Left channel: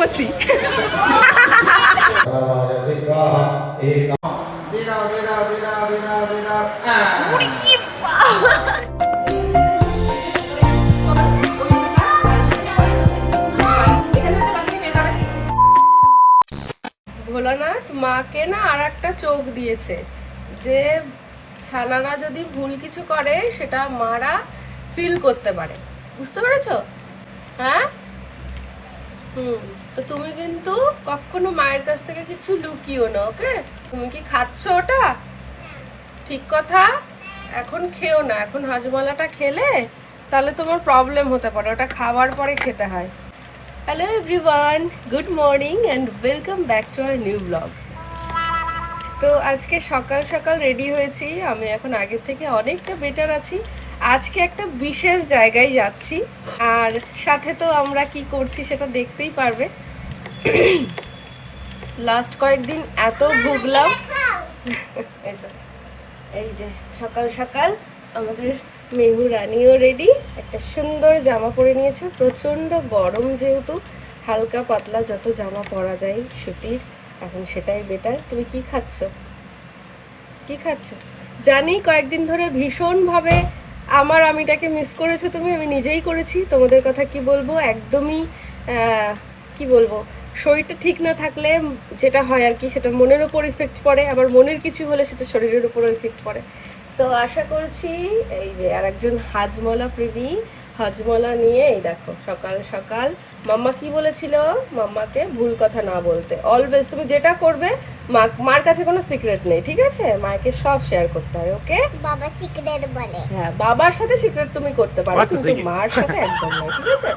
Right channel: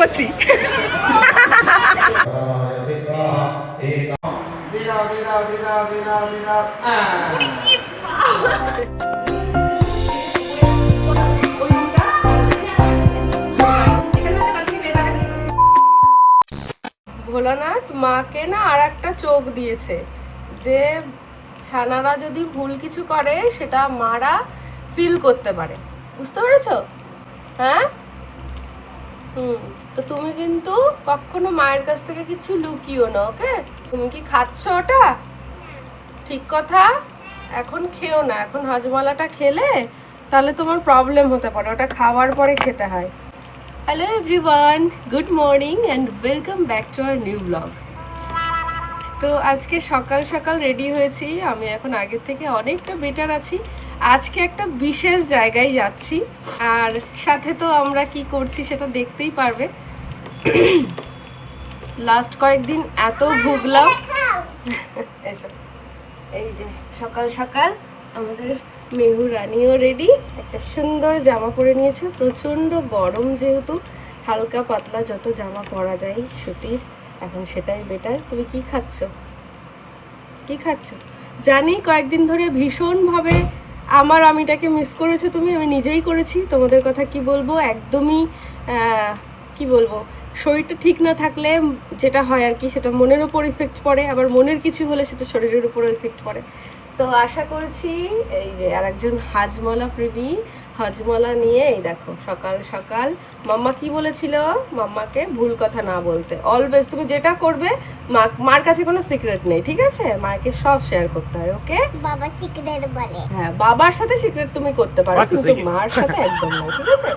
করছি। ভোলানাথ মাকে না আর একটা চোখ দিয়েছে যে ছানারা যদি ভুল কিছু করে সেটা মারা ফিল করতে পারে, বুঝতে পেরেছো? হ্যাঁ, তো তুমি কিন্তু কখনো মায়ের কাছ থেকে কিছু লুকিও না, ওকে? তুমি কি খাচ্ছ ওটা? ঠিক কথা, এখন খেও না। এখন হজমলাটা খেলে তাহলে তোমার প্রবলেম হতে পারে, ওটা খাওয়ার পরে খেতে হয়। Hello everyone, good morning and welcome back to our new blog. তো আজকে সকাল সকাল রেডি হয়েছি, আমি এখন আগের থেকে অনেকটা বেটার আছি। আজকে একটা বিশেষ জায়গায় যাচ্ছি, আর সাথে তো আমরা কি করছি সেটা দেখতেই পারবে। লাস্ট কয়েকদিন এত ভুগলাম। এই যে সকাল সকাল আমাদের মেহু রানিও রেডি, একটা সুন্দর জামা পরে নিয়েছে। প্রচণ্ড গরম যেহেতু, হালকা পাতলা যত জামা পরা যায় সুতির, এখন সেটাই বেটার। তুমি কি খাচ্ছ? কি খাচ্ছ? জানি কয়েকদিন ধরে ভীষণভাবে আমার আমিটাকে মিস করেছো তুমি, আমি নিজেই করেছি। তোমাদের কথা কি বলবো, একদমই কি বলবো, শরীরটা ঠিক না থাকলে যেটা হয় আর কি, সেটা মনের ওপর ইফেক্ট পড়ে, আবার মনের কিছু হলে সেটা শরীরের উপর ইফেক্ট পড়ে। তো আশা করছি এই যে আর একজন হাজমলা প্রেমী হজমলা নিয়ে, এই দেখো সকাল সকাল। মাম্মা কি বলেছিল মাম্মাকে ভুল কথা না বলতে, অলওয়েজ তুমি যেটা করবে মার কাছে কোনো সিক্রেট নেই, ঠিক আছে? মাকে সব শেয়ার করতে হয়, ওকে? বাবা সিক্রেট বলে, হ্যাঁ বাবার সাথে সিক্রেট তুমি করতে পারো, কিন্তু মার সাথে একদম নয়, ঠিক আছে?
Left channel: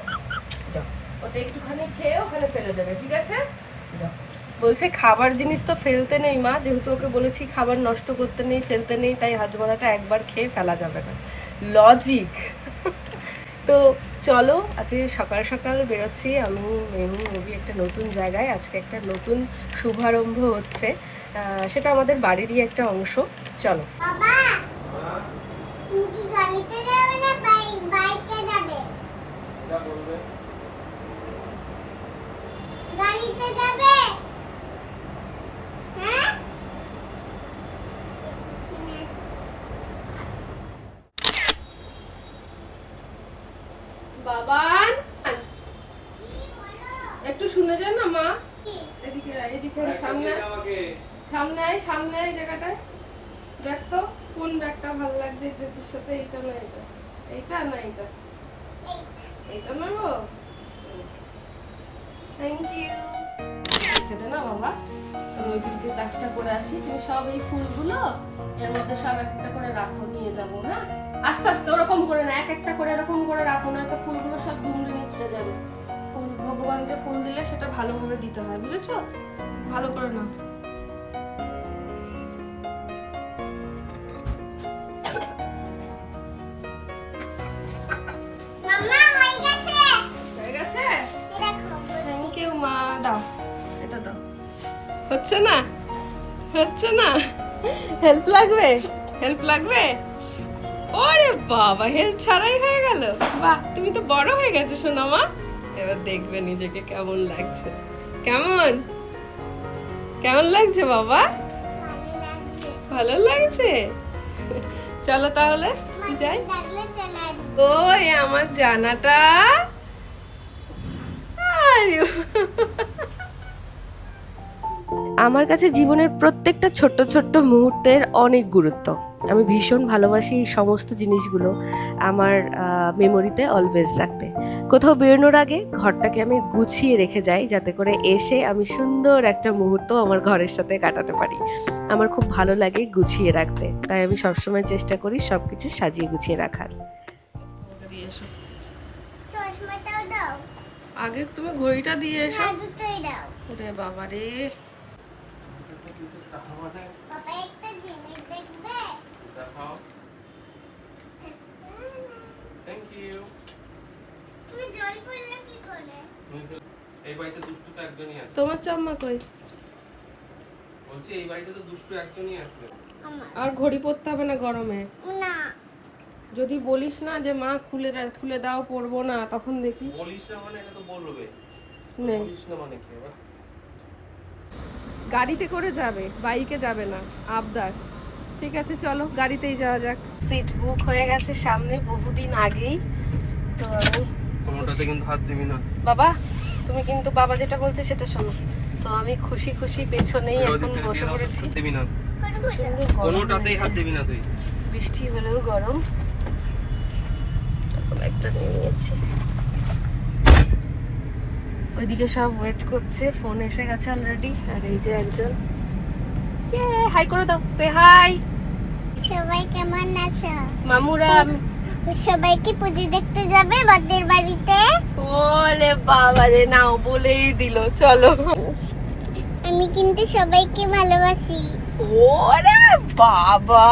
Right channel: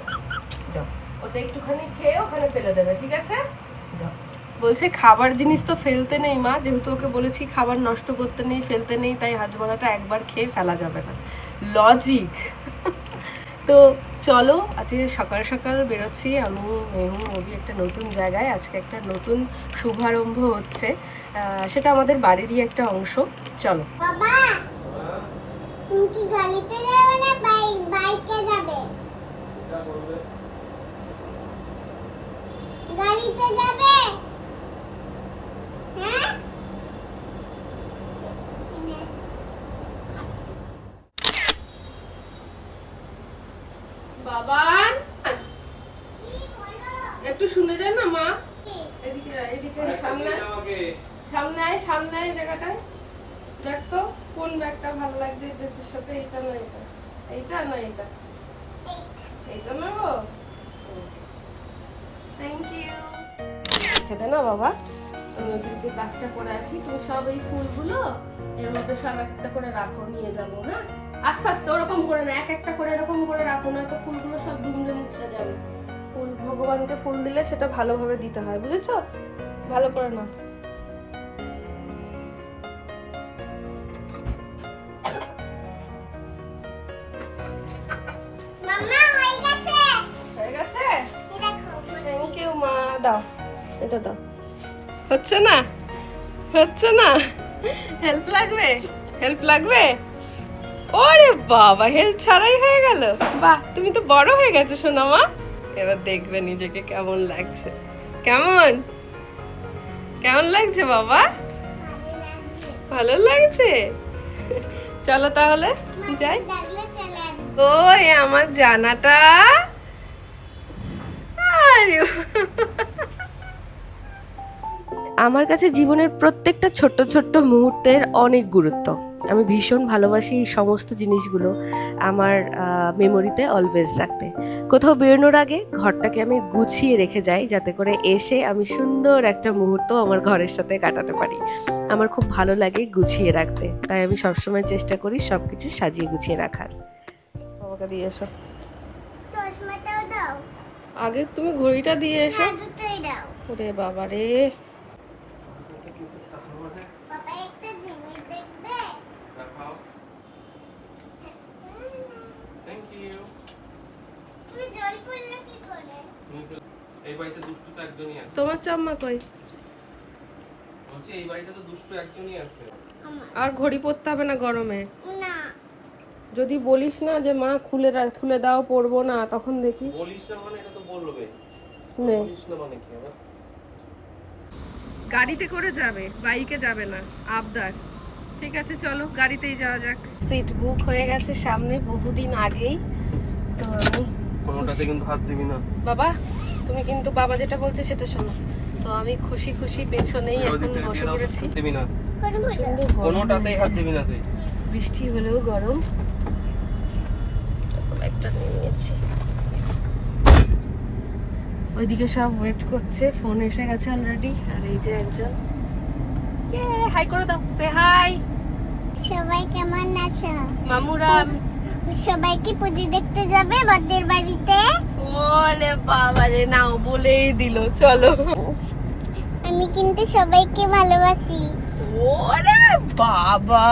যাও, ওটা একটুখানি খেয়ে ওখানে ফেলে দেবে, ঠিক আছে? যাও। বলছে খাবার জিনিস তো ফেলতে নেই মা, যেহেতু ওকে বলেছি খাবার নষ্ট করতে নেই, ফেলতে নেই, তাই হাজমলাটা একবার খেয়ে ফেলা যাবে না। লজিক। তো চলো, আজকে সকাল সকাল বেরোচ্ছি আমি, মেহু, মুভি একটা নতুন জায়গায়। আজকে একটা নতুন শুভারম্ভ হচ্ছে, সেটা আমাদের বাড়িরই একটা অংশ। চলো। বাবা, তুমি কি গাড়িতে যাবে না বাইকে যাবে? গাড়িতে যাবে? হ্যাঁ, বাবান একটু শুনে যান না মা। এদিকে এদিকে সামনে সামনে আয়, সামনে আয় জায়গাটায়। দেখ তো কোন ব্যাগটা ভালো লাগছে ড্রেসের সাথে, এটা না এটা, এইটা না এটা, এইটা না গো। Thank you. খেতে না বাবা, আমি এদিকে কাজটা করে আসি। তুমি সব এই ফুলগুলো এর মধ্যে সব একটা করে রাখো, নিয়ে যাবো। হ্যাঁ, আস্তে আস্তে, ওরকম করে না, এক একটা করে এরকম করে রাখো, না তো ফুলগুলো সব দুমড়ে মুছড়ে যাবে। ফুল ভগবানকে ফুল দিলে সেটা ভালোভাবে দিতে হয়, বুঝেছো? ভালো করে না। মাম্মা হয়ে গেছে, হয়ে গেছে, দেখো। থ্যাংক ইউ মা, দাও এটা দাও। হচ্ছে না, হচ্ছে না, হেল্প লাগবে, হেল্প লাগবে। ওরে বাবা, হেল্প ছাড়াই হয়ে গেল। বাহ, তুমি তো বড় হয়ে গেছো সোনা মা। এবার দেখবে নিজেকে কেমন লাগছে। কেমন কেমন লাগছে বাবা? ভালো লাগছে। চলো তাহলে যাই। ওই আমার জানাটা। আমার কাছে জীবনের প্রত্যেকটা ছোট্ট ছোট্ট মুহূর্তের অনেক গুরুত্ব। আমি ভীষণ ভালোবাসি এই সমস্ত জিনিসগুলো আমার মেমোরিতে অলওয়েজ রাখতে। কোথাও বেরোনোর আগে ঘরটাকে আমি গুছিয়ে রেখে যাই, যাতে করে এসে আমি সুন্দর একটা মুহূর্ত আমার ঘরের সাথে কাটাতে পারি। আমার খুব ভালো লাগে গুছিয়ে রাখতে, তাই আমি সবসময় চেষ্টা করি সব কিছু সাজিয়ে গুছিয়ে রাখার। আমাকে দিয়ে এসো, আগে তুমি ঘড়িটা দিয়ে এসো। ওরে বাবা রে, তোমার চাম্মা কই? বলছি এই বাড়িতে তো দুষ্টু একজনই আছে। আর ঘড়ি পরতে হবে না গরমে। না, যদি বলিস না যে মা খুলে দাও পরবো না, তখন দেখিস। বলিস না মানে এটা তো বলবে। গাড়িতে করে যাবে, বাইকে যাবে না, আবদার। ঠিক আছে চলো গাড়িতেই যাওয়া যাক। সিট বুক হয়ে গেছে সামনে বহুদিন আগেই। তো আমি কিন্তু হাত দিবি না বাবা, তুমি কিন্তু বাবা যেটা বলছে সেটা শোনো। তো আমি খুশি খুশি পেছনেই এখন বসে পড়েছি। দিবি না, কোনোটাতেই হাত দিবি না তুই। বৃষ্টি হলেও গরম। একটা নিয়ে নিয়েছি। ওইদিকে সব ওয়েট করছে, ফোন এসে গেছে অলরেডি। আর এই যে একজন, হাই করে দাও, সে হাই। সবাই কেমন আছো? মামুরা সবাইকে পুজো দেখতে যাবে বাদের বাড়িতে? ওলে বাবা রে, নাও বলেই দিল। চলো। আমি কিন্তু সবাইকে ভালোবাসি। ওরে বাবা,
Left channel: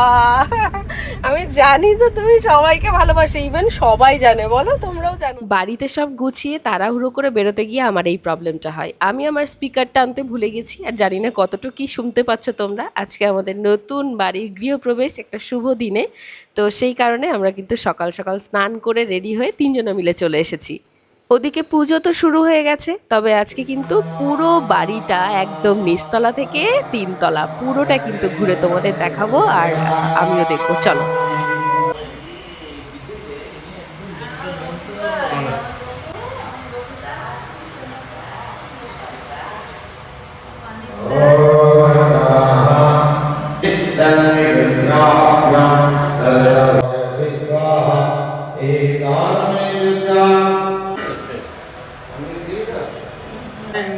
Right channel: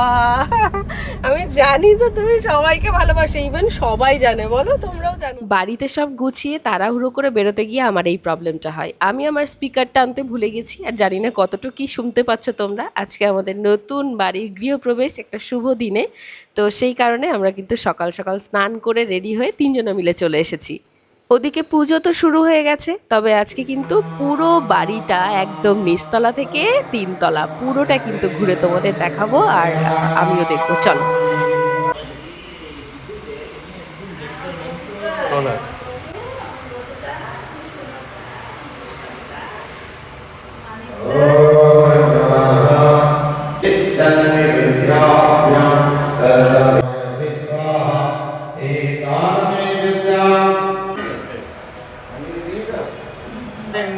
আমি জানি তো তুমি সবাইকে ভালোবাসো, ইভেন সবাই জানে, বলো তোমরাও জানো। বাড়িতে সব গুছিয়ে তাড়াহুড়ো করে বেরোতে গিয়ে আমার এই প্রবলেমটা হয়। আমি আমার স্পিকারটা আনতে ভুলে গেছি, আর জানি না কতটুকু কি শুনতে পাচ্ছ তোমরা। আজকে আমাদের নতুন বাড়ির গৃহপ্রবেশ, একটা শুভ দিনে। তো সেই কারণে আমরা কিন্তু সকাল সকাল স্নান করে রেডি হয়ে তিনজনে মিলে চলে এসেছি। ওদিকে পুজো তো শুরু হয়ে গেছে, তবে আজকে কিন্তু পুরো বাড়িটা একদম নিচতলা থেকে তিনতলা পুরোটা কিন্তু ঘুরে তোমাদের দেখাবো, আর আমিও দেখবো। চলো।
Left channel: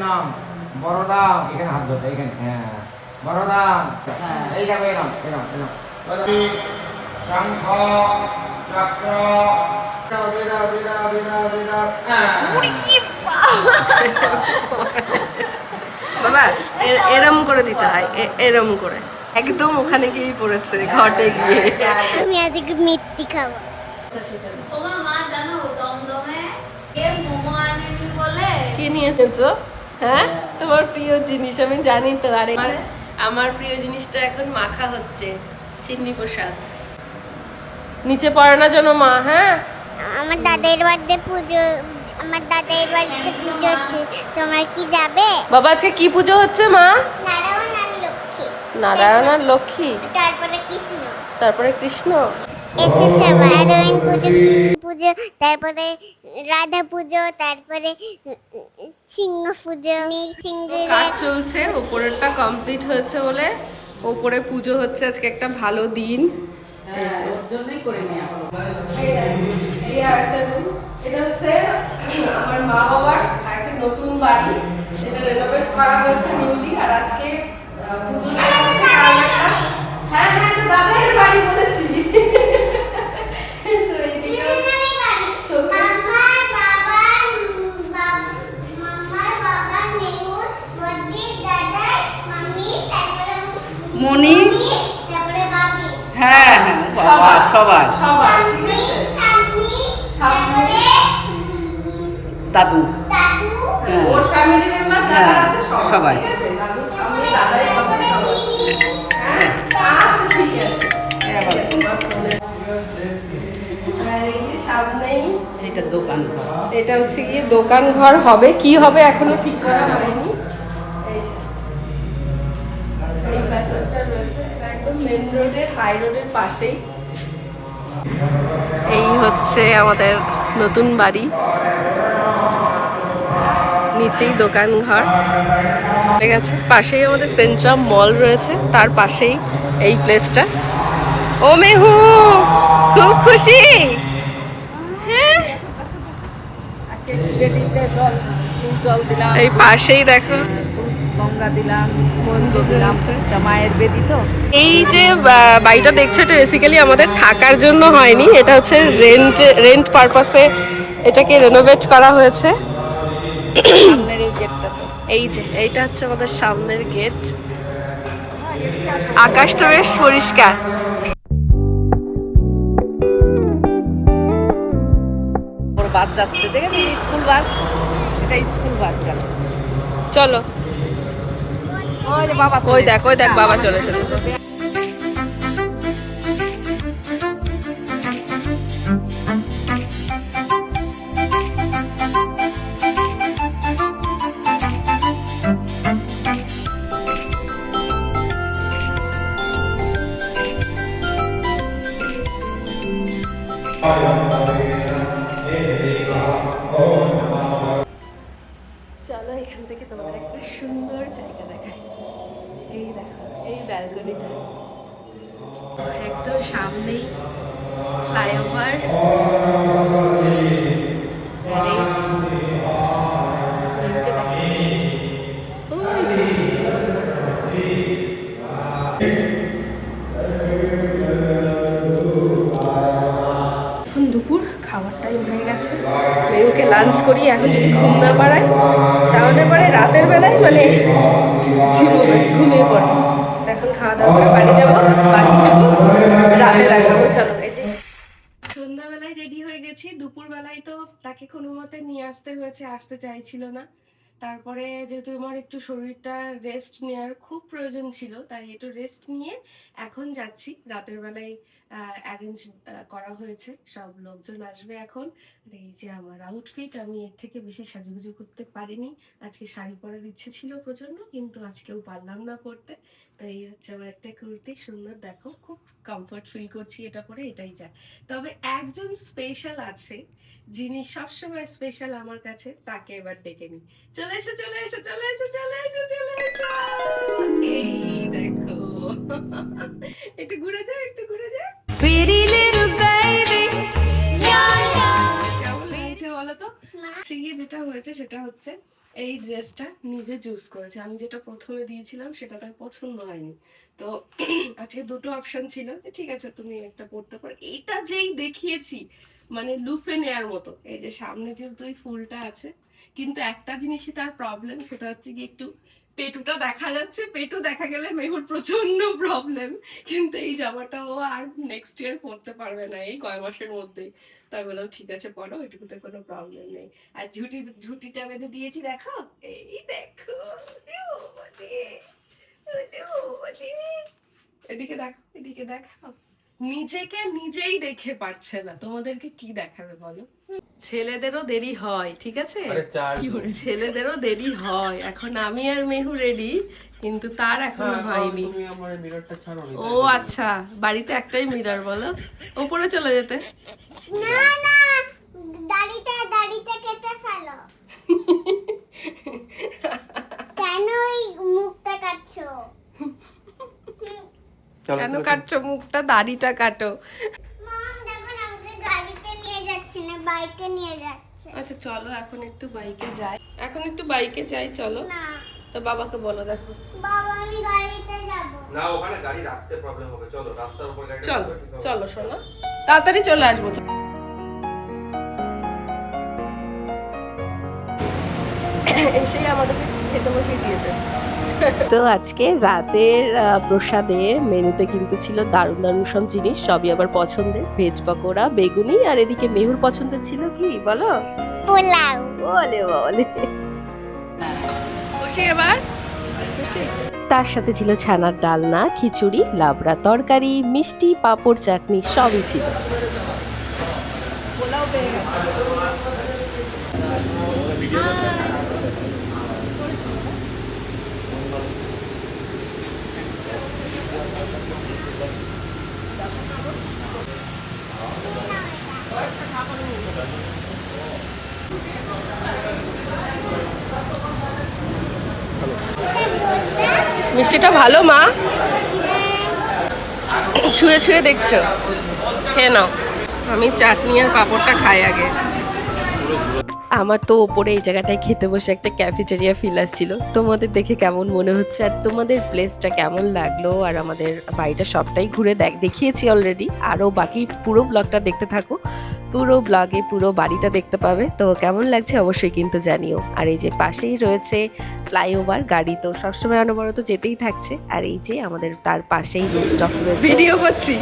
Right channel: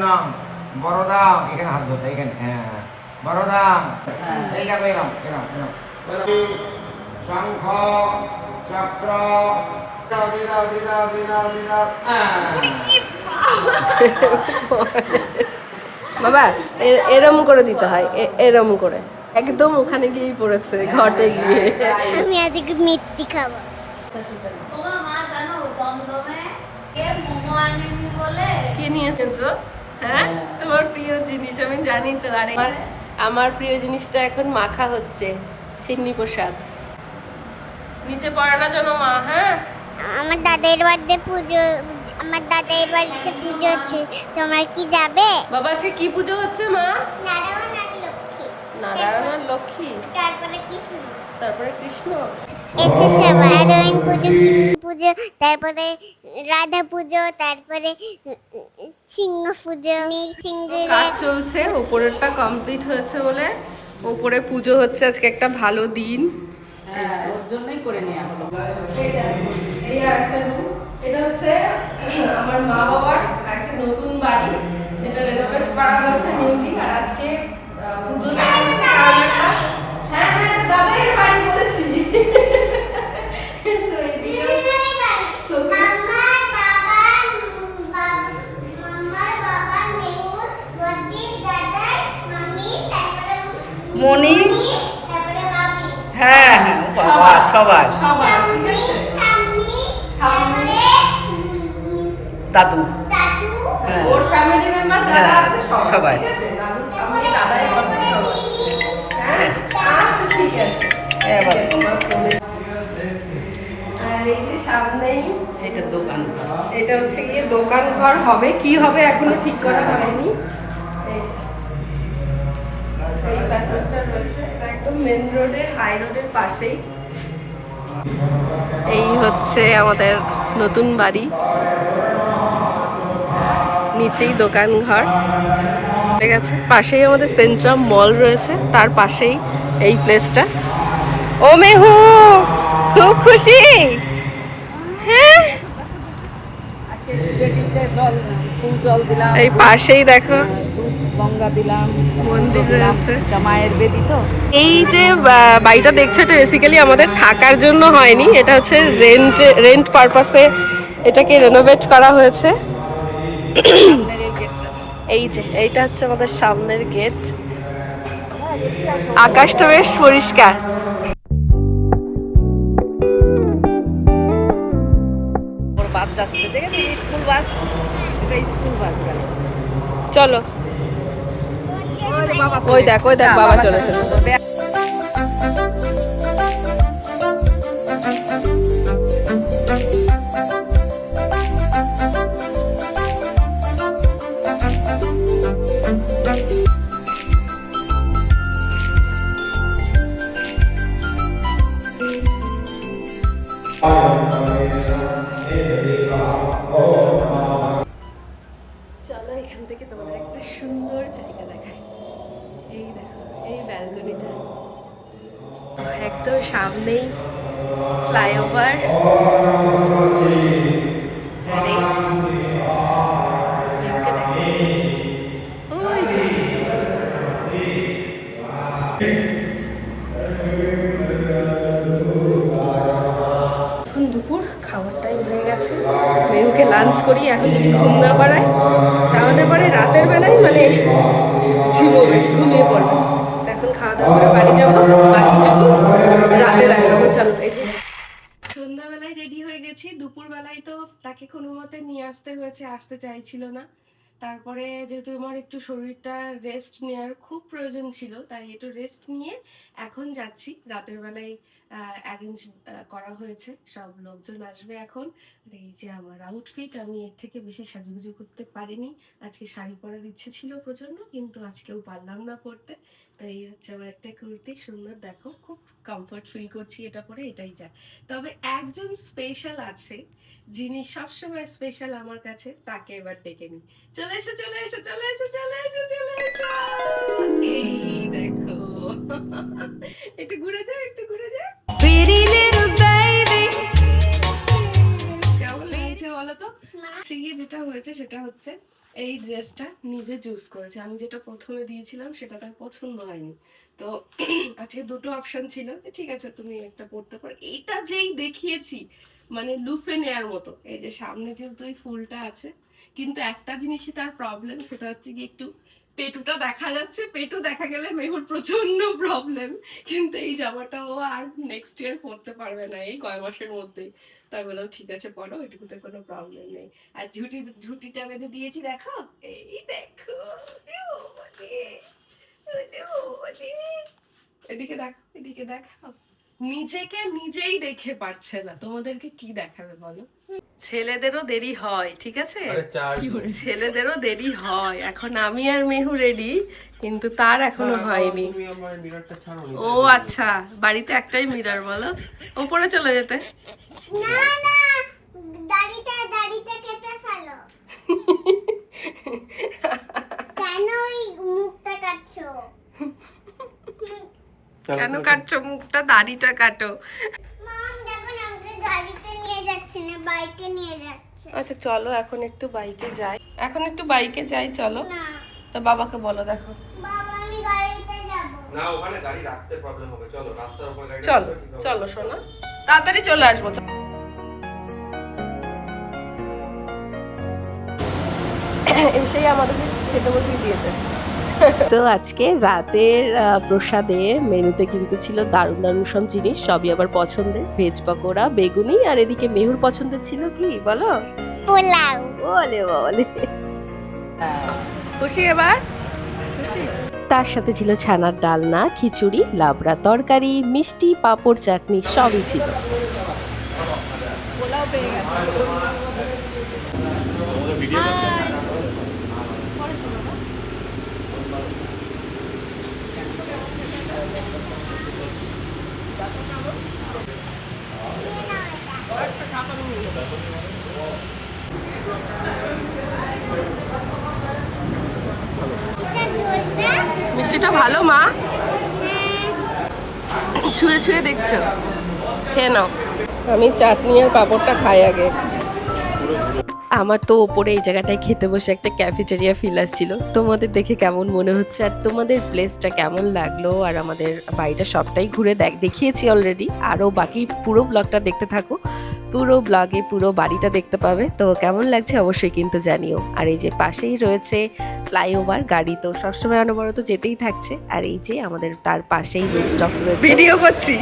নাম বড়দাম, এখানে হাত ধরতে, এখানে, হ্যাঁ বড়দাম, এইটা এরম এরম এরম, শঙ্খ চক্র, বাবা এরম করে দিতে হয়, এরম করে একদম ওখানে গিয়েই পড়েছে, ঘটে গিয়ে। আমি আজকে মিষ্টি খাবো। কি নিয়েছো? হ্যাঁ, তোমার প্রিয় জিনিস আমি জানি তো। আর আমার প্রিয় জিনিসটা এখন মাখা হচ্ছে, সিন্নি প্রসাদ। নিচে পড়ে না যেন মা। হ্যাঁ, আমার দাদার বাড়িতে পুজো, আমার দাদার বাড়িতে পুজো হচ্ছে, তোমরা কি যাবে? বাবা আজকে কি পুজো হচ্ছে মা? নারায়ণ আর লক্ষ্মী। নারায়ণ আর লক্ষ্মী, তারপরে কৃষ্ণ। তারপরে কৃষ্ণ। এসে সবাই নারায়ণ পুজো, কৃষ্ণ পুজো, তারপরে রাধা পুজো, তারপরে সিংহ পুজো। কাজ চলছে, উপরেরটা কমপ্লিট হয়েছে বলে উপরে পুজো হচ্ছে। আজকে একটা ভালো দিন, ওর জন্যই করে নেওয়া। এই আরেকটা room, এটা হচ্ছে আমার মা বাবার একটা নতুন বাড়ি, সেটা রেনোভেট করা হয়েছে নিউলি। আর আজকে পুজো দেওয়া হচ্ছে কালকেটা। হ্যাঁ হ্যাঁ, তো দাদার বাড়ি বলেছি। তো এইদিকে মনি, হ্যাঁ হ্যাঁ, বাবা সবাই, দাদু, হ্যাঁ ওর ফ্যামিলি মেম্বার যারা আছে সবাই। ঠিক আছে, দাদু ঠাম্মি দাদাই বলতে সবাই। হ্যাঁ আচ্ছা ঠিক আছে। এবার আর এই যে সামনেই এটা দোকান ঘর, এটা হচ্ছে কি দোকান ঘর হবে, কি হবে এখনো ঠিক করা হয়নি। এই প্যাসেজটা রয়েছে, এটা একদম মেন রোডে, হাই রোডের পাশেই। এই হচ্ছে আমাদের নতুন বাড়ি, নিচেই দোকান ঘর। ঠিক আছে, পাশেই আমাদের সেন্ট্রাম মল রয়েছে, তার পাশেই এই প্লেসটা। ও মেহু, খুব খুশি? হ্যাঁ, এই পাশেই দেখো গঙ্গা দিলাম, মন্দির রয়েছে। মায়ের বেদি। তো এই যে বাড়িটা দেখছো, এটা বেসিক্যালি আমাদের থাকার জন্য হয়নি, এটা হচ্ছে রেন্ট পারপাসে এটাকে রেনোভেট করা হয়েছে। এই যে এইটা হচ্ছে আমাদের সামনের গেট। আকাশটা বেশ পরিষ্কার। বাস যাচ্ছে, দেখেছি স্কুল বাস, এটা স্কুল বাস গেল। চলো, ওই দেখ বাবা চলে এসেছে। চলো এখান থেকে তোমাদের একটা সুন্দর জায়গা দেখাই। এই দেখো, এই ব্যালকনিটা, একদম সামনেই ফ্লাইওভার। আর এই যে, মেহুকে দেখাচ্ছি। ওই যে। এখন দুপুর খাওয়ার টাইম হয়ে গেছে, মেহুকে লাঞ্চ করি। এখন যদি ঘুম না পাড়ায় তাহলে পরে রাতের বেলায় মানে ঝিমোবে, ঘুমিয়ে পড়বে। তো এখন খাওয়া দাওয়া করে বাড়ি যাবো, বাকিটুকু রাতে দেখাবো। চলো, এই যে সন্ধ্যাবেলায় রেডি হয়ে গেছি। দুপুরবেলায় তো তাকে কোনো মতে নিয়ে আসতে হয়েছে, আসতে চাইছিল না। তারপরে যেহেতু আমার একটু শরীরটা রেস্ট নেওয়ার খুব প্রয়োজন ছিল, তাই একটু রেস্ট নিয়ে এখন যাচ্ছি। রাতের বেলায় অ্যারেঞ্জ করা হয়েছে, সব লোকজন আসবে এখন। আর এই যে আমার আউটফিট, আমি এর থেকে বেশি সাজুগুজু করতে পারিনি। আজকে শাড়ি পরার ইচ্ছে ছিল প্রচন্ড, কিন্তু আজকেও পারলাম না পরতে। তো এই হচ্ছে আমার একটা কুর্তি, সুন্দর, দেখো খুব কমফর্ট ফিল করছি এটা পরে, এটাই যা। তবে একজন স্পেশাল আছে, যিনি সবসময় স্পেশাল আমার কাছে, তাকে এবার ডেকে নি। চলে এসো, চলে এসো, চলে এসো, চলে এসো, চলে এসো। এই দেখো, একটু ঘুরে যাও, একটু ঘুরে যাও। Pretty little baby. কেমন লেগেছে বলো তো? যেটা হয়েছে সেটা হচ্ছে এই ড্রেসটা নিজে চুজ করেছে। আমি যেটা প্রথমে দিয়েছিলাম সেটা তার পছন্দ হয়নি। তো আজকে দুটো অপশন ছিল, যে ঠিক আছে তুমি একটা পরতে পারো। এইটা যেই দেখিয়েছি মানে লুফে নেয়ার মতো। এই যে সামনে যেহেতু এই ফুলটা আছে, কিন্তু একটা জিনিসই তার প্রবলেম, সেটা হচ্ছে কি একটু পেটুটা দেখা যাচ্ছে। পেটু দেখা গেলে মেহুর প্রচন্ড প্রবলেম। কিন্তু এই জামাটা ও আর নেক্সট ইয়ার পরতে পারবে না, এই কয় মাসের মধ্যেই। তাই বললাম ঠিক আছে পরো, এটুকুতে কোনো প্রবলেম নেই। আর ঝুটিটা বেঁধে দিয়েছি, দেখো, এই দেখো। এদিকে দেখো, এদিকে দেখো। নিজেকে নিজেই দেখে পারছে না, তোমাদেরকে কি দেখাবে বলো? ছেলেদেরও দেরি হয়, ঠিক আছে, ছেলেদেরও দেরি হয়। এখন আমি আর মেহু রেডি, কিন্তু তার এখনো হয়নি। ও আচ্ছা, বাড়িতে একটাই মিরর, বলো উপরে চলে যেতে। না না, দাড়িটা কেটে ফেলো। কেন ওই মুখটা কাটছো? কেন কাটছো মুখটা? দাড়িটা কাটো। মম দেখো না, আমাকে গাড়িতে নিয়ে যাচ্ছে না, বাইকে নিয়ে যাচ্ছে। আচ্ছা চলো এখন একটু বাইকে যাই, এখন একটু বাইকে যাই, চলো। না তো বাবাকে বলো, দেখো। বাবা, আমি গাড়িতে যাব না, ওখানে গাড়ি রাখতে প্রবলেম হবে। চলো রাস্তার উপর গাড়ি চলো, চলো শোনো, তাড়াতাড়ি চলে আসবো। এসেই আমাদের খেতে বসিয়ে দিয়েছে। তো আজকে রাতের প্রসাদে মেনুতে কিন্তু ছিল দারুণ দারুণ সব জিনিস, সবই আবার পছন্দের। ভেজ পকোড়া, বেগুনি, আর এদিকে মেহুর পছন্দের ছিল কি বলো? পোলাও। বলে বলে খুশি এবার, খুশি। তার সাথে ছিল ছানার ডালনা, খিচুড়ি, লাবড়া তরকারি, মিষ্টি, পাঁপড়, চাটনি, সবই ছিল। পোলাও পেয়ে গেছে। মিষ্টিটা ভালো মা, ছুঁয়ে ছুঁয়ে দেখছো, খেয়ে নাও। আমি চাটনি আর পাঁপড়টা খাই আগে। আমার তো ওপরে এই জায়গাটায় খেতে বসে একটা ক্যাফেটেরিয়া ফিল আসছিল। তোমাদের দেখে কেমন মনে হচ্ছে, আর তোমাদের প্লেসটা কেমন লাগলো, আর আমাদের বাড়িটা সবটাই ঘুরে দেখিয়েছি অলরেডি। আরও বাকি পুরো ব্লগটা দেখতে থাকো, পুরো ব্লগে পুরো বাড়িটা দেখতে পাবে। তো কেমন লাগছে অবশ্যই কিন্তু জানিও। আর এই যে পাশেই রয়েছে ফ্লাইওভার, গাড়ি তো সবসময় অনবরত যেতেই থাকছে। আর এই যে আমাদের তার পাশেই রুফটপ রয়েছে। ভিডিও করছি,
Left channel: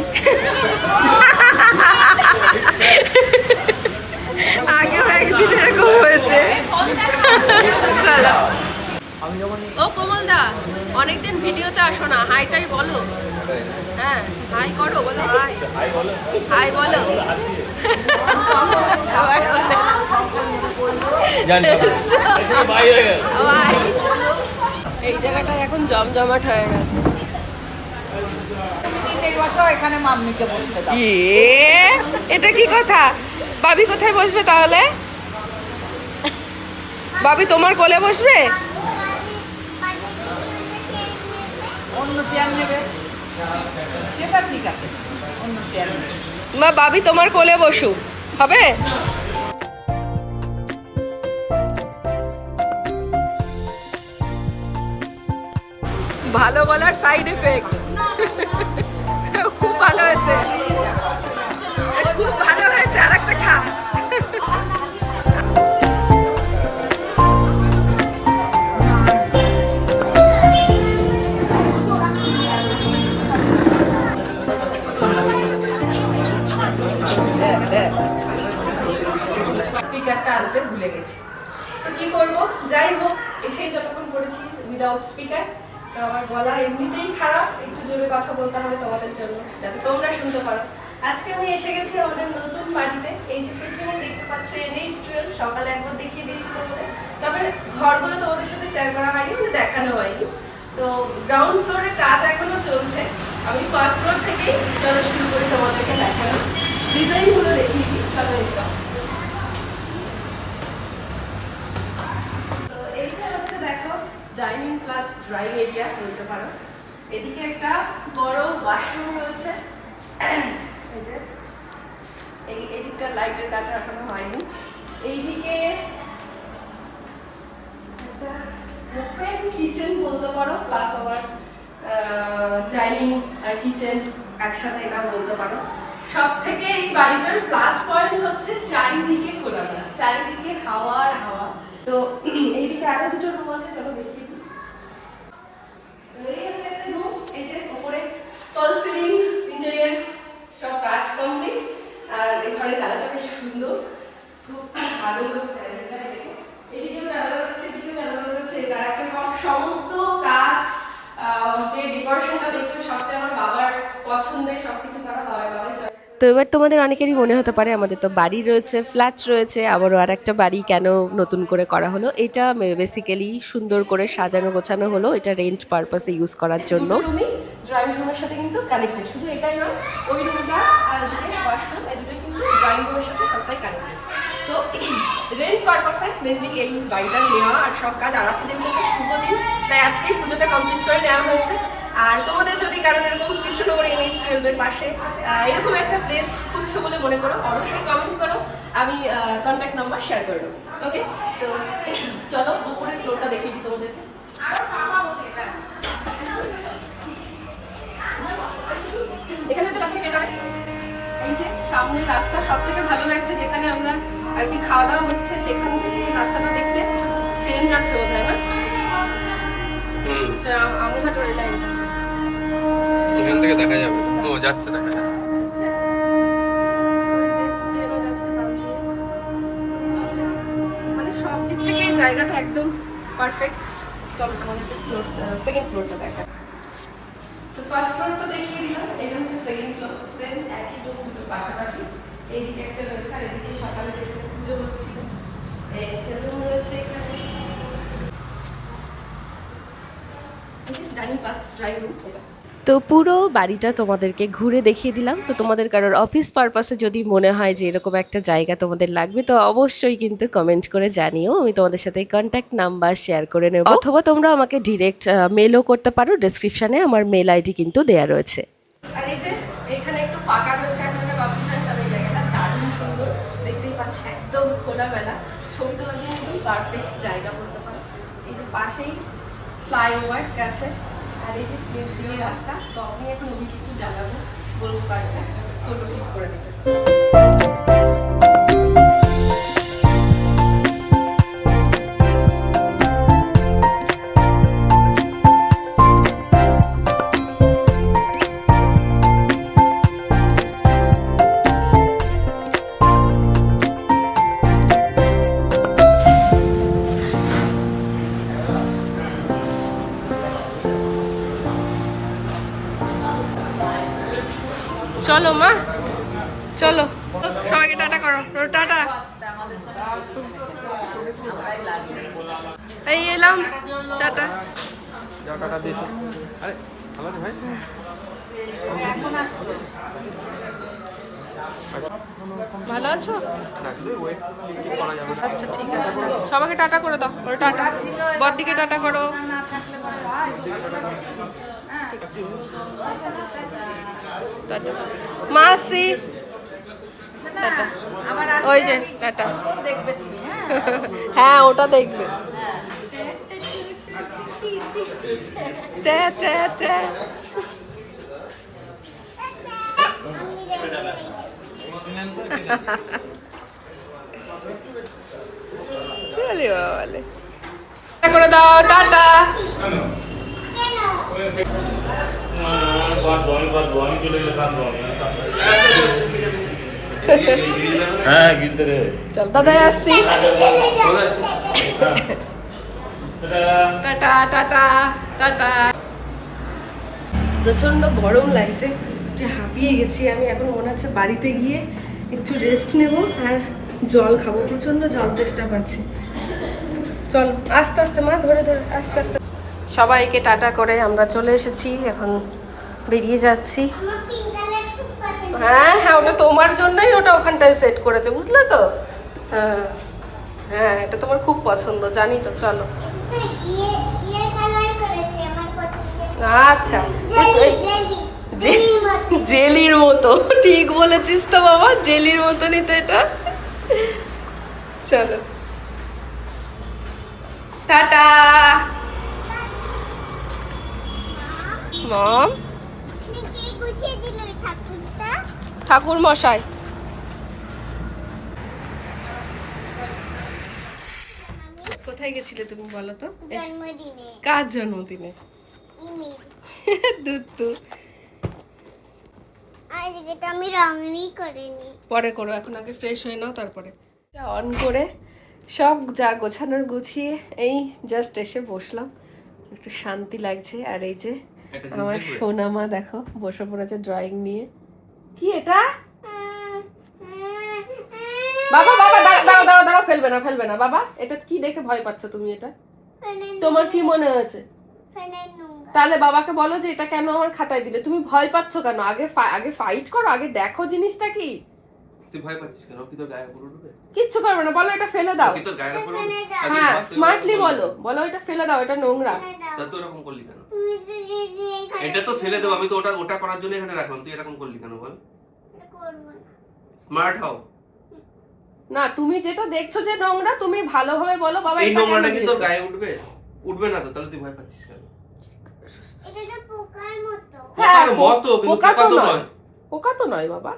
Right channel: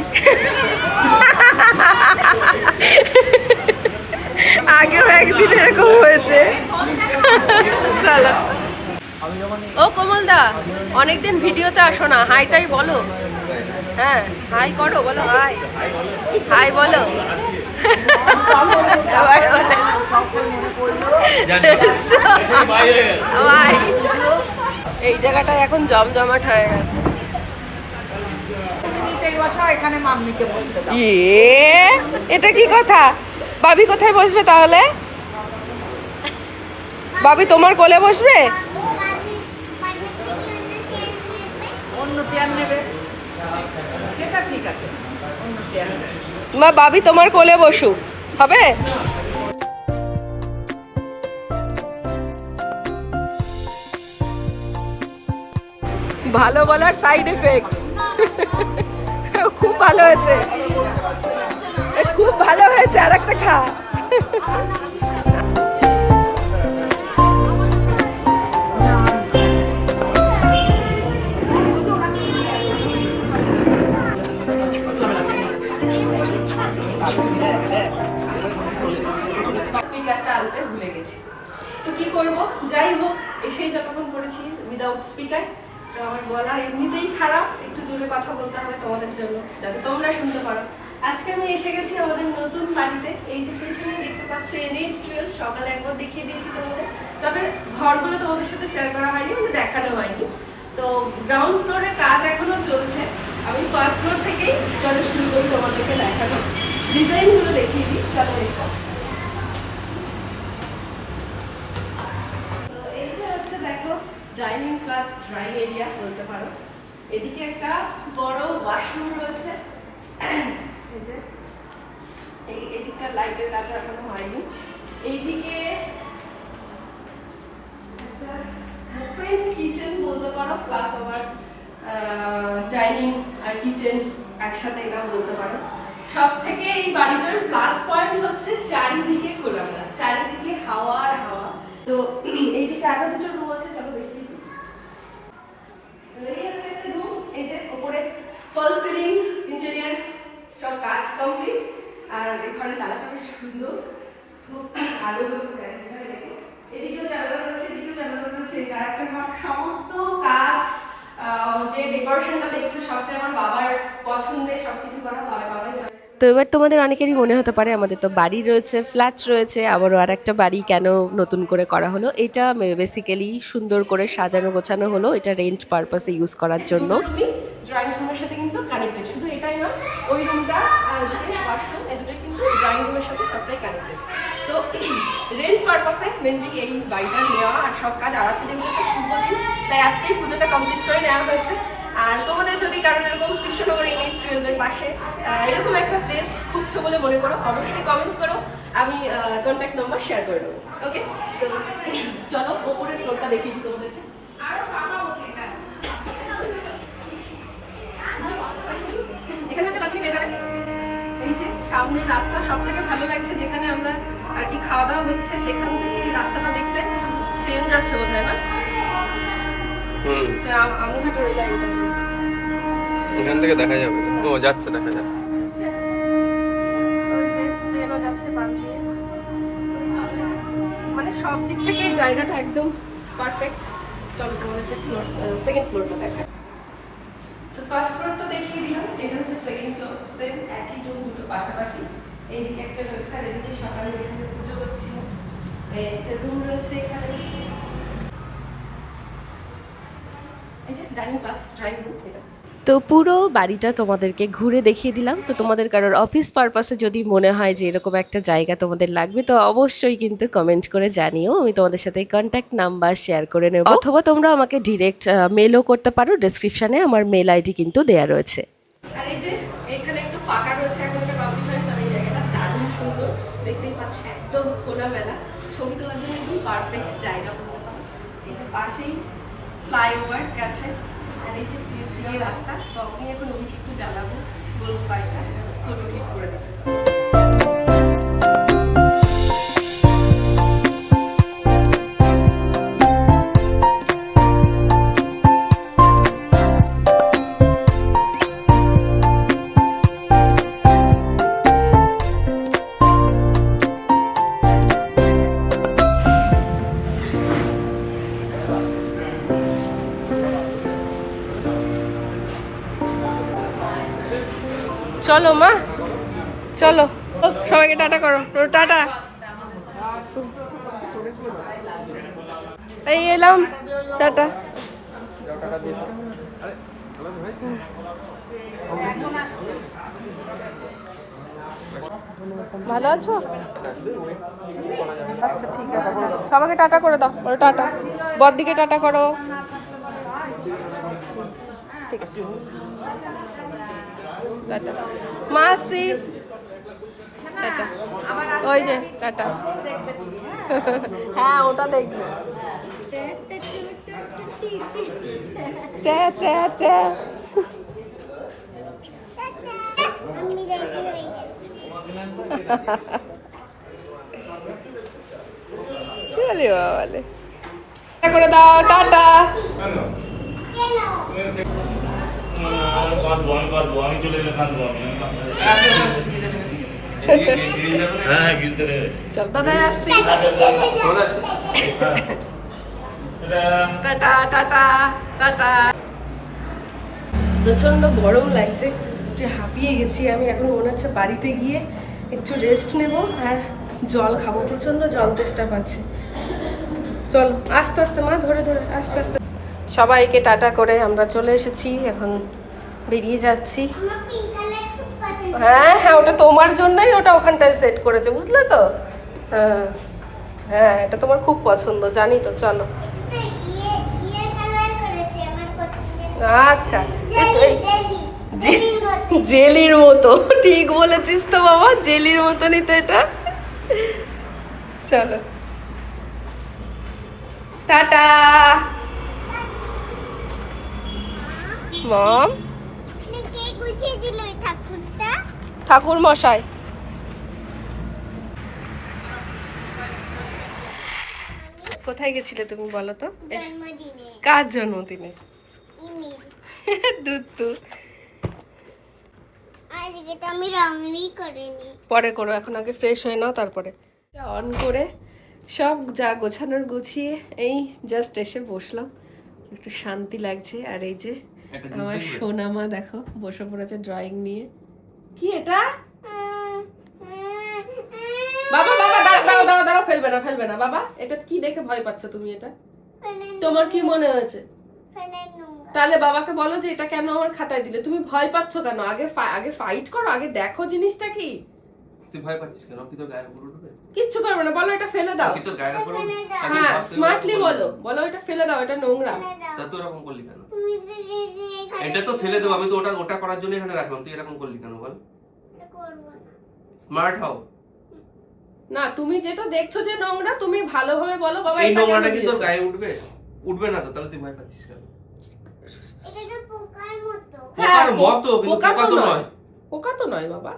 আগেও একদিন এরকম হয়েছে। চলো। ও কোমল দা, অনেকদিন ভিডিওতে আসো না, হাইটাই বলো। হ্যাঁ হাই করো, বলো হাই, হাই বলো। এই জায়গাটা এখন জমজমাট হয়ে গেছে। এখানে মাম্মিকে বসবে দাও। এটা কি কথা? বাবি কোথায় বসবে তাহলে? বাবি তোমার কোলে বসবে? অন্য চেয়ার নেবে সেটা ঠিক আছে, অন্য চেয়ার নেবে। মা বাবি তোমার কোলে বসুক, হবে? ভালো বলার সাইড এফেক্ট। খুব ভালো হয়েছে, খুব ভালো হয়েছে, আর একটা খা। স্পিকারটা আনতে ভুলে গেছি, তো কি করব, যাই হোক এসেই যতক্ষণ পড়েছি উইদাউট স্পিকার, তো আমার গলা এমনিতেই খারাপ, একটু জোরে কথা বলতে হবে তোমাদের জন্য যাতে তোমরা শুনতে পারো। আজকে আমি এসে গেছি আমাদের নতুন বাড়িতে। এই যে পেছনে দেখতে পাচ্ছ NH12, সকালে একবার দেখিয়ে দিয়েছি তোমাদের, তবে ঘরগুলো তোমাদের সাথে শেয়ার করা হয়নি, মানে দেখানো হয়নি। তো গ্রাউন্ড ফ্লোরে কাজ এখনো চলছে, আমি ফার্স্ট ফ্লোর থেকেই চলো শুরু করি তোমাদেরকে দেখানো, ডিজাইনগুলো দেখিয়ে দিই, চলো এসব। এইটা হচ্ছে দেখো ডাইনিং প্লাস ড্রয়িং এরিয়া বলতে পারো। এদিকে একটা বড় ওয়াশরুম রয়েছে, এই যে এদিকটা লাইটের কাজ এখনো হয়নি। এইদিকে একটা ওপেন কিচেন বলতে পারো, প্লাস আবার ডাইনিং আর কিচেন একসাথে এটা বলতে পারো। সব থেকে এই বাড়িটার প্লাস পয়েন্ট হচ্ছে চারিদিকে খোলামেলা, চারিদিকে হাওয়া আর হাওয়া। তো এইদিকে আরো দুটো রুম আছে, চলো দেখি। এই হচ্ছে একটা রুম, এই যে উপরে ফলস সিলিং, ইন্টেরিয়র সব কাজ কমপ্লিট, আর এখানে কালারটা বেশ সুন্দর, খুব ভালো লাগছে। এদিকেও জানালা রয়েছে, এদিকেও জানালা রয়েছে, আর একটা ঘর সমস্ত কাজ, যে ডেকোরেশনটা দেখছো সবটাই আমার বাবার পছন্দের, সবকিছু করা বাবার চয়েস। তো এবার তোমাদের অনেকেরই মনে হতে পারে আমাদের তো বাড়ি রয়েছে, ফ্ল্যাট রয়েছে, আবারও আর একটা বাড়ি কেন নতুন করে করা হলো। এটা বেসিক্যালি সুন্দর করে সাজানো গোছানো হলো, এটা রেন্ট পারপাসে ইউজ করার জন্য। ড্রয়িং রুমের সাথে কিন্তু কানেক্টেড, শুধু এটাই নয়, ওই রুমটা আর এদিকে ওয়াশরুম, এদিকে কিন্তু ড্রয়িং রুমের সাথে সবটাই কানেক্টেড। তো রেন্ট পারপাসে মেনলি এই বাড়িটা নেওয়া, আর সব কাজ আর আছে যেহেতু একটা শুভ দিন, তাই আজকেই পুজোটা কমপ্লিট করে নেওয়া হয়েছে। আর তোমাদের যদি কারণ এরকম কৃষ্ণনগর NH12 এর পাশে এরকম একটা প্লেস খুঁজছো বলে মনে করো, অবশ্যই কমেন্ট করো, আমি কন্ট্যাক্ট নাম্বার শেয়ার করে দেবো। ওকে, তো চলো ওপরের ফ্লোরটা দেখিয়ে দিই তোমাদেরকে। এখানে একটা বালকনি পেয়ে যাবে। এই যে সামনের রাস্তা সব থেকে ভালো লাগছে, যেখানে আমরা আর কি খাওয়া দাওয়া হচ্ছে সেখান থেকে রাস্তাটা দেখতে চেঞ্জ আছে বোধ হয় না? আমঘাটের এটা এখান থেকে দেখা যাবে, ও যাচ্ছে, দেখা যাবে। মানে সব দিক থেকে জায়গাটা একদম পারফেক্ট। চলো তোমাদেরকে সেকেন্ড ফ্লোরটা দেখা। তো ফার্স্ট ফ্লোর তো দেখিয়ে দিলাম, এটা হচ্ছে সেকেন্ড ফ্লোর, সেম একই রুম, দুটো পাশাপাশি। এইদিকে একটা রয়েছে, আর এদিকে সকালে এখানে পুজো হচ্ছিল, একটা রুম রয়েছে এখানে, ডাইনিং প্লাস ড্রয়িং রুম এটা। তো পুরো বাড়িটা তোমাদেরকে ঘুরে দেখিয়ে দিলাম। তো তোমাদের কারোর অফিস পারপাসে যদি মনে হয় যে এরকম একটা জায়গা তোমাদের লাগবে, তো অবশ্যই কিন্তু কমেন্ট করে জানিও, আমি তোমাদের সাথে কন্ট্যাক্ট নাম্বার শেয়ার করে নেব, অথবা তোমরা আমাকে ডিরেক্ট মেলও করতে পারো, ডেসক্রিপশনে আমার মেল আইডি কিন্তু দেয়া রয়েছে। আর এই যে এখানে একটু ফাঁকা রয়েছে, এখন একটা পাবলিক হয়, তবে এই জায়গাটা দারুণ সুন্দর, দেখতেই পাচ্ছ একদম খোলামেলা, ছবি তোলার জন্য একদম পারফেক্ট জায়গা বলতে পারো। এই যে পাশেই ফ্লাইওভার গেছে, আর এই যে নিচ দিয়ে রাস্তা। তো আমি এখন ওদিকে একটু জানাবো, বলবো কয়েকটা ফটো ক্লিক করে দেবো। চলো মা, চলো সবাইকে টাটা করো, টাটা। এই এলাম, টাটা। ভালো আছো? আচ্ছা ঠিক আছে, সবাইকে টাটা করে দাও। বলো টাটা, বড়দিকে টাটা করো। টাটা মাসি, টাটা। ওই যে টাটা। হ্যাঁ ওটা দেখবে। ট্যা ট্যা ট্যা। আমি রেডি হয়ে গেছি। চলে বাবালে, টাটা করে দাও, টাটা। আমি চলে গেলে কাঁদবো হ্যাঁ গিলতে রে চল দাদা আসছি। Tata tata tata. প্রচন্ড গরম লাগছে, যে হাঁপিয়ে গেছি আমি। এখন মনে হচ্ছে বাড়িতে গিয়ে একটু রেস্ট নেব আর জল খাবো, প্রচন্ড জল তেষ্টা পাচ্ছে। চল আস্তে আস্তে মা, ধরে ধরে আস্তে আস্তে। সবাইকে টাটা করে আমরা চলে এসেছি, এখন বেরিয়ে যাচ্ছি। আমার পিঙ্ক কালার খুব পছন্দ। হ্যাঁ হ্যাঁ, ওটা তোমার জন্যই ওটা ওখানটায় সেট করেছে, বুঝলে তো? হ্যাঁ হ্যাঁ, এটা তোমার খুব পছন্দ, জানি তো। চলো তো ইয়ে কালার করেছে আমার পছন্দের। আচ্ছা, জেলির মতো, ঠিক বলেছিস তো বাবা, জেলির মতনই তো এটা। চলো টাটা মম। কে গুছিয়ে দিল এই ঠাকুরটা? ঠাকুর মশাই। কোথায় গেছিলে তুমি বলো তো? জন্মদিনে কার জন্মদিনে? ইমির। দুত্তু। আজকে তো আমি রঙই করিনি। পরে করো, এখন আগে ফ্রেশ হয়ে নাও, তারপরে অন করে সব যা গোছানোর গুছিয়ে এই জাস্ট এসে বসলাম, একটু শান্তি লাগছে। আর এই যে আমার সোনামা দেখো বসে পড়েছে ড্রয়িং নিয়ে। কি এটা? বাবা বাবা দাঁড়াও দাঁড়াও দাঁড়াও দাঁড়াও, ফেলবে না ফেলবে না বাবা। এটা কি দেখে ভয় পাচ্ছ তুমি? এটা তোমার কি মনে হয়েছে? তাহলে বাবাকে বলো যে এটা কেন আমার খাতায় দিলে। তুমি ভয় পাচ্ছ কেন? আগে আগে ফাইট করো, আগে দেখো জিনিসটা কি। তুই ভয় পাচ্ছিস কেন? কি তোর গায়ের উপর উঠবে? কিচ্ছু করবে না, বলো এটা ফেলে দাও। কি তোর গায়ের উপর উঠবে? হ্যাঁ স্মার্টলি বলো, বলো এটা ফেলে দাও, এটা নোংরা। তা তুই এরকম করলি কেন? এটা তো ফেলে দেবো, আমি তো ওটা করার জন্য এখানে রাখলাম, তুই এরকম করলি কেন বল? স্মার্ট হও। না তুমি যেটা দেখছো যে নোংরা, তুমি ভালোভাবে বলো বাবা এই এটা নোংরাটা কেন কি তোর দিয়েছো? গায়ে উঠবে? উঠবে না তো, তাহলে তুই ভয় পাচ্ছিস কেন? এটা তো পোকার মতো। পোকার মতো, কিন্তু পোকা তো নয়। পোকা তো নয় বাবা,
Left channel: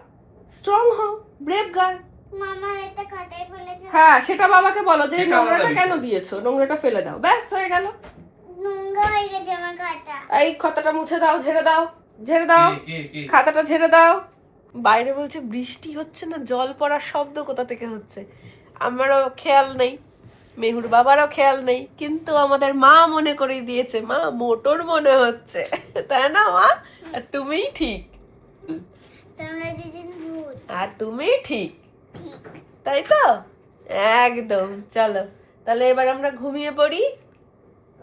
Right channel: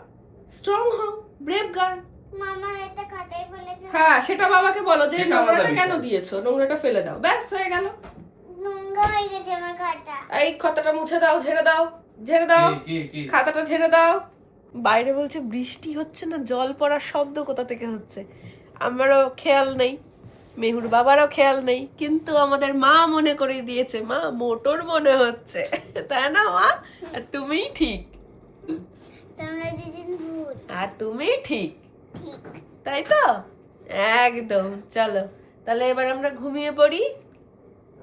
স্ট্রং হও, ব্রেভ গার্ল। মামার এটা খাতায় ফেলেছে। হ্যাঁ সেটা বাবাকে বলো যে সেটা নোংরাটা আলাদা কেন বিষয়। দিয়েছো, নোংরাটা ফেলে দাও, ব্যাস হয়ে গেল। নোংরা হয়ে গেছে আমার খাতা। এই খাতাটা মুছে দাও, ঝেড়ে দাও, ঝেড়ে দাও, কি খাতাটা ঝেড়ে দাও। বাইরে বলছে বৃষ্টি হচ্ছে না, জল পড়ার শব্দ কোথা থেকে হচ্ছে আমারও খেয়াল নেই, মেহুর বাবারও খেয়াল নেই, কিন্তু আমাদের মা মনে করে দিয়েছে, মা মোটর মনে হচ্ছে, তাই না মা? আর তুমিই ঠিক, তোমরা যেদিন ভূত। আর তুমি ঠিক, ঠিক। তাই তো? একদম। চলো তাহলে এবার আমরা ঘুমিয়ে পড়ি।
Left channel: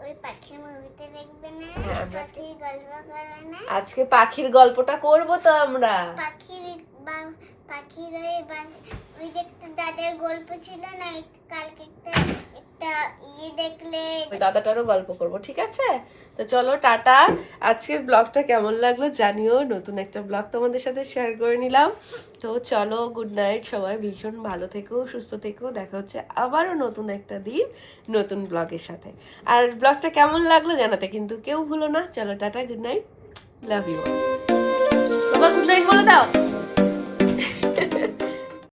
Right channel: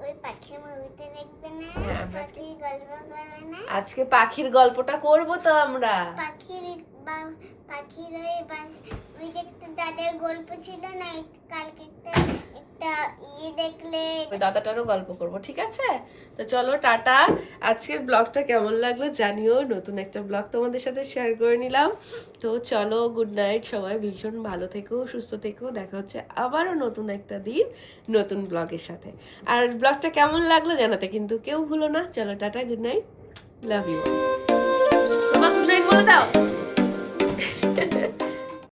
ওই পাখির মুভিতে দেখবে না? হ্যাঁ, আমরা আজকে- পাখির গল্প করে না? আজকে পাখির গল্পটা করবো তো আমরা। পাখির ওই যে একটা দাদার গল্প ছিল না, কালকে একটা দেখলে। ওই দাদাটারও গল্প করব, ঠিক আছে? তো চলো টাটা। আজকের ব্লগটা কেমন লাগলো জানিও, নতুন একটা ব্লগ তোমাদের সাথে শেয়ার করে নিলাম। তো চলো, গুড নাইট সবাই, ভীষণ ভালো থেকো, সুস্থ থেকো, দেখা হচ্ছে আবারও নতুন একটা দিন নতুন ব্লগের সাথে। আর ব্লগটা কেমন লাগলো জানাতে কিন্তু কেউ ভুলো না। চলো tata, good night, love you. বাবা গুড নাইট বলে দাও।